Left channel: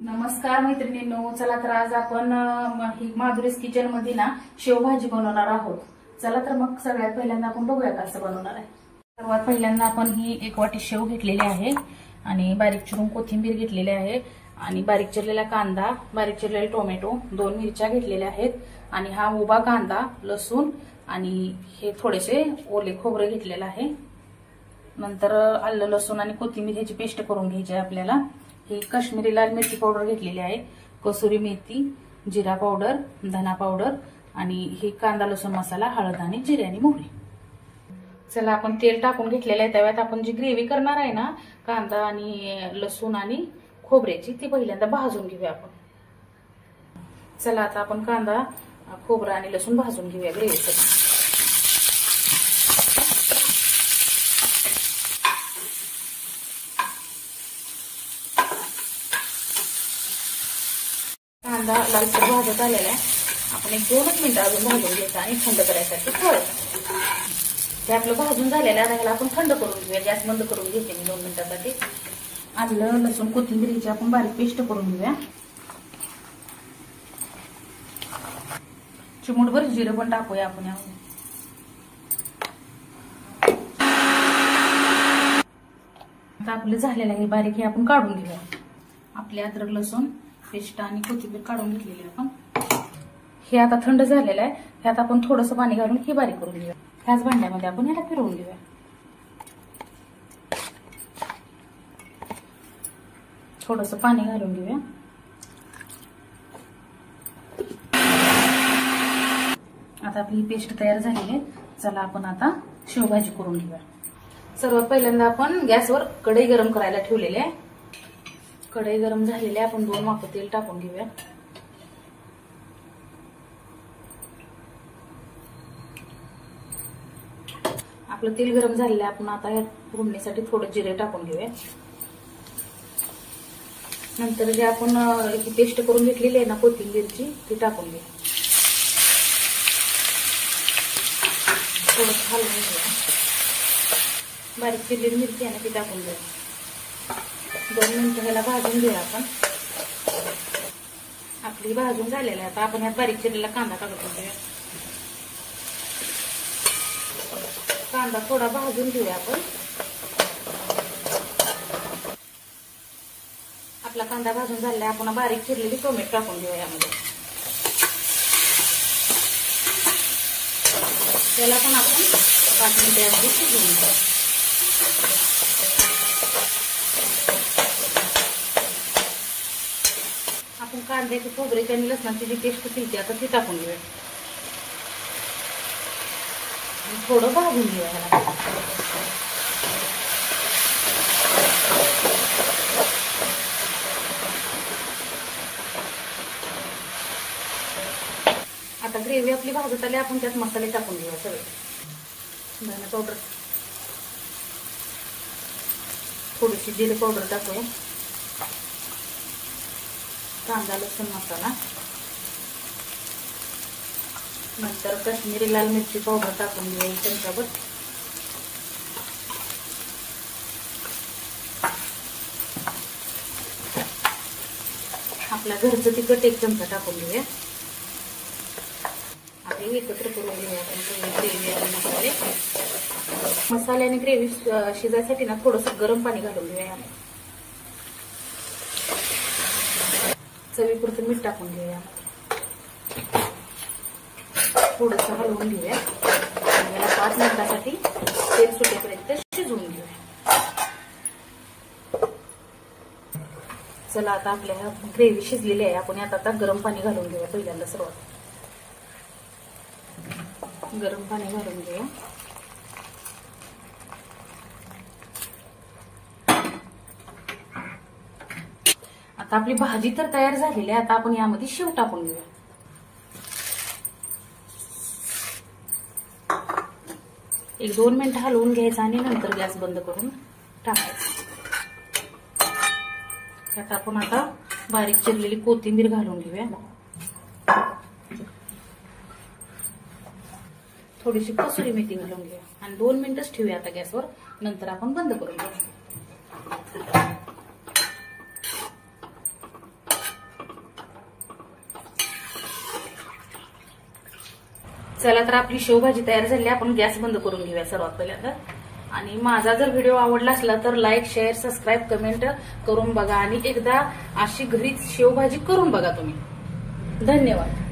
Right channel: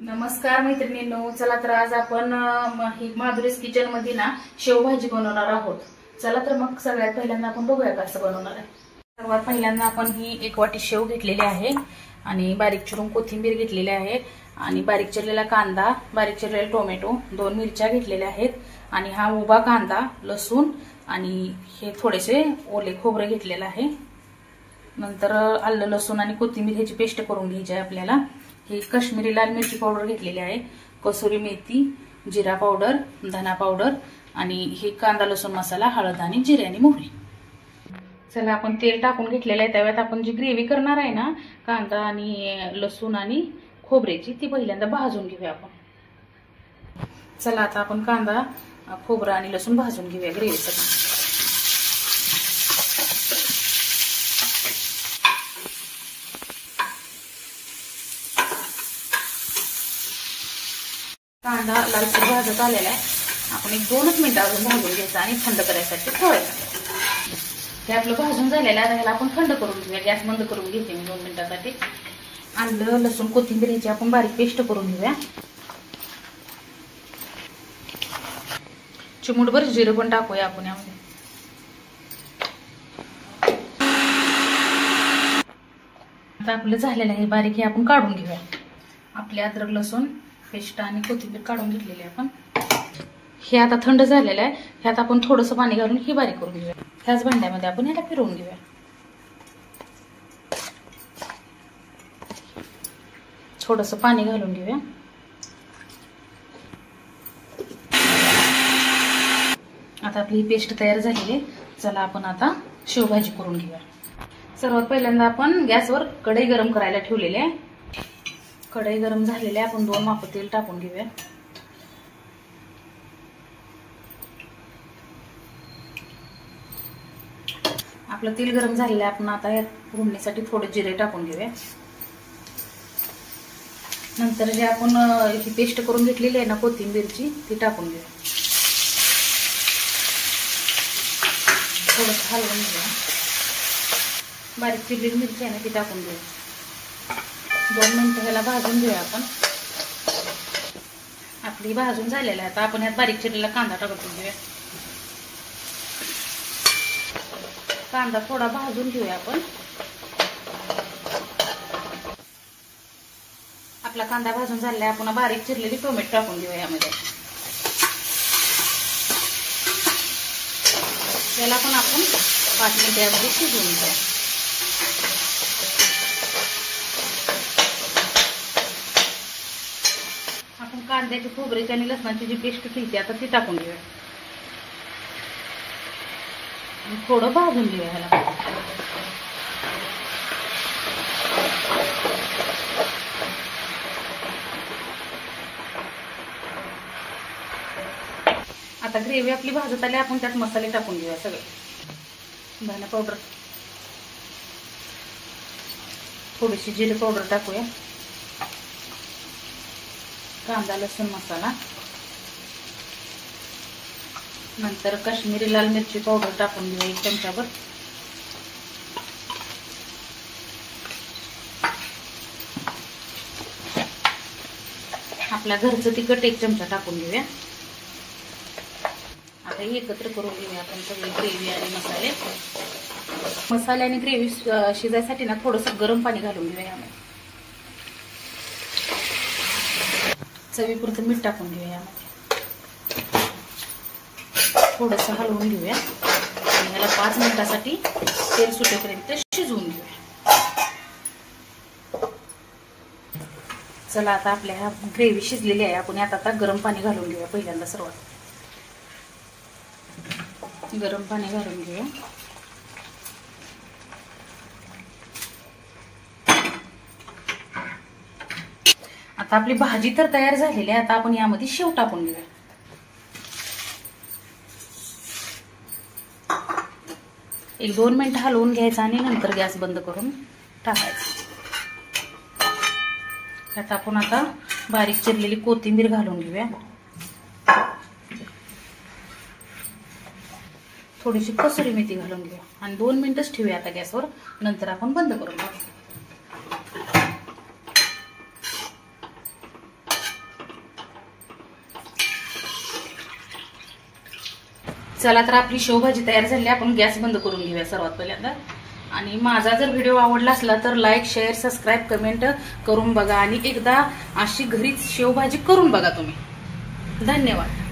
नमस्कार मैत्रिणींनो, चला तर आज आपण माधुरीज किचन मध्ये ना शेवभाजी बनवणार आहोत। चला तर मग सगळ्यात पहिल्यांदा आपण बघूया कसं बनवणार आहे। सर्वात पहिल्यांदा आपण ही एक वाटी शेव घेतलेली आहे आणि बारीक चिरून कोथिंबीर घेतलेली आहे आणि बारीक चिरलेला कांदा, बारीक चिरलेला टोमॅटो, 2 मिरच्या घेतलेल्या आहेत आणि हा उभा कांदा, लसूण आणि हे थोडेसे ओले खोबरे घेतलेले आहे। नंतर आलं, लसूण आणि कोथिंबीर ह्याची पेस्ट करून घ्यायची आहे आपल्याला। ही काश्मीरी लाल मिरची पावडर घेतलेली आहे, कसुरी मेथी, जिरा पावडर, धना पावडर आणि हे कांदा लसूण मसाला, हळद आणि जिरे आणि मोहरी। चला आपण तेल टाकून घेतलेलं आहे। त्यावेळेत आपण जी ग्रेव्ही करणार आहे ना कांदा आणि लसूण आणि खोबऱ्याची, ती पहिल्यांदा भाजून घेऊया आपण। चला आता आपण कांदा, खोबरा आणि लसूण भाजून घेऊया ग्रेव्हीसाठी। कांदा लालसर भाजत आलेला आहे। आपण एक 2 मिनिटं अजून भाजून घ्यायचं आणि थंड करायसाठी ठेवायचं। हे आपलं भाजून झालेलं आहे, ह्याला आपण थंड करून घेऊया। गॅस बंद करून घेते मी 2 मिनिटांसाठी। आलं, लसूण, कोथिंबीरची आपण बारीक पेस्ट करून घेऊया। चिमूटभर जिरं पण टाकूया आपण यामध्ये। आता आपलं झालेलं आहे बारीक, हे आपण काढून घेऊया। आपले अद्रक लसूण पेस्ट आणि कोथिंबीर काढून घेतलेली आपण। हे आता थंड झालेलं आहे, ह्यात आपण थोडंसं पाणी घालून ही बारीक करून घेऊया। ह्याच भांड्यामध्ये आपण ह्याला फिरवून घेऊया। थोडंसं पाणी घालून घेऊया। आता आपली पेस्ट तयार झालेली आहे। चला आपण आता शेवभाजी करून घेऊया। सर्वात पहिल्यांदा आपण गॅसवर कढई गरम करायला ठेवलेली आहे। कढई गरम झालेली आहे, आपण 2 वाफ तेल टाकून घेऊया। आपलं तेल गरम झालेलं आहे, आपण आता यात फोडणीसाठी थोडे जिरे टाकून घेऊया। नंतर जे आपण ही पेस्ट करून घेतलेली आहे ना कोथिंबीरची, ती टाकून घेऊया। थोडं हलवून घेऊया। बारीक चिरलेली मिरची आहे ना ती टाकून घेऊया। 2 मिनिटं ह्याला भाजून घेऊया आपण। आपली भाजून झालेली आहे, आता आपण यात बारीक चिरलेला कांदा टाकून घेऊया। कांदा थोडा भाजून घेऊया आपण। आपला कांदा भाजून झालेला आहे, आपण बारीक चिरलेली टोमॅटो टाकून घेऊया यामध्ये। त्याला पण आपण 5 मिनिटे अगदी शिजवून घेऊया। आपण कांद्याची, खोबऱ्याची आणि लसणाची जी पेस्ट केली आता ती टाकून घेऊया। थोडं भाजून घेऊया ह्याला। आता ग्रेव्ही आपली भाजत आली, आपण त्यात मसाले टाकून घेऊया सगळे। धना पावडर, थोडीशी जिरे पावडर टाकूया, कांदा लसूण मसाला, नंतर काश्मीरी लाल मिरची पावडर टाकून घेऊया 1 चमचाभर। आपल्या घरचं तिखट 1 चमचा टाकून घेऊया। आता एकत्र करून घेऊया आपण सगळे ग्रेव्ही आणि मसाले। मसाले आणि ग्रेव्ही शिजायसाठी ना थोडंसं गरम पाणी घालून घेऊया यामध्ये। चवीपुरतं मीठ टाकून घेऊया यामध्ये। थोडंसं हलवून घेऊया आणि याला 5 मिनिटांसाठी तेल सुटेपर्यंत शिजवून घेऊया। चला आता आपल्या हा ग्रेव्ही शिजलेली आहे, आपण यात आता गरम पाणी घालून घेऊया। पहिल्यांदा सर्वात गरम पाणी घालून घेऊया। आता आपली भाजी तर तयार झालेली आहे, आता आपण यामध्ये शेव टाकून घेऊया। एक 2 मिनिटं हलवून घ्यायचं आणि नंतर गॅस बंद करून टाकायचं। त्यात आपण आता बारीक चिरलेली कोथिंबीर घालून घेऊया। थोडीशी कसुरी मेथी घालून घेऊया आणि 2 मिनिटच ठेवूया आता गॅसवर, नंतर आपण बंद करून घेऊ। चला तर आपली शेवभाजी तयार झाली. आपण गॅस बंद करून घेऊया सर्वात पहिल्यांदा. आणि माझा जर व्हिडिओ आवडला असला तर लाईक, शेअर, सबस्क्राईब, कमेंट करून बघा आणि एकदा अशी घरीच शेवभाजी करून बघा तुम्ही. धन्यवाद.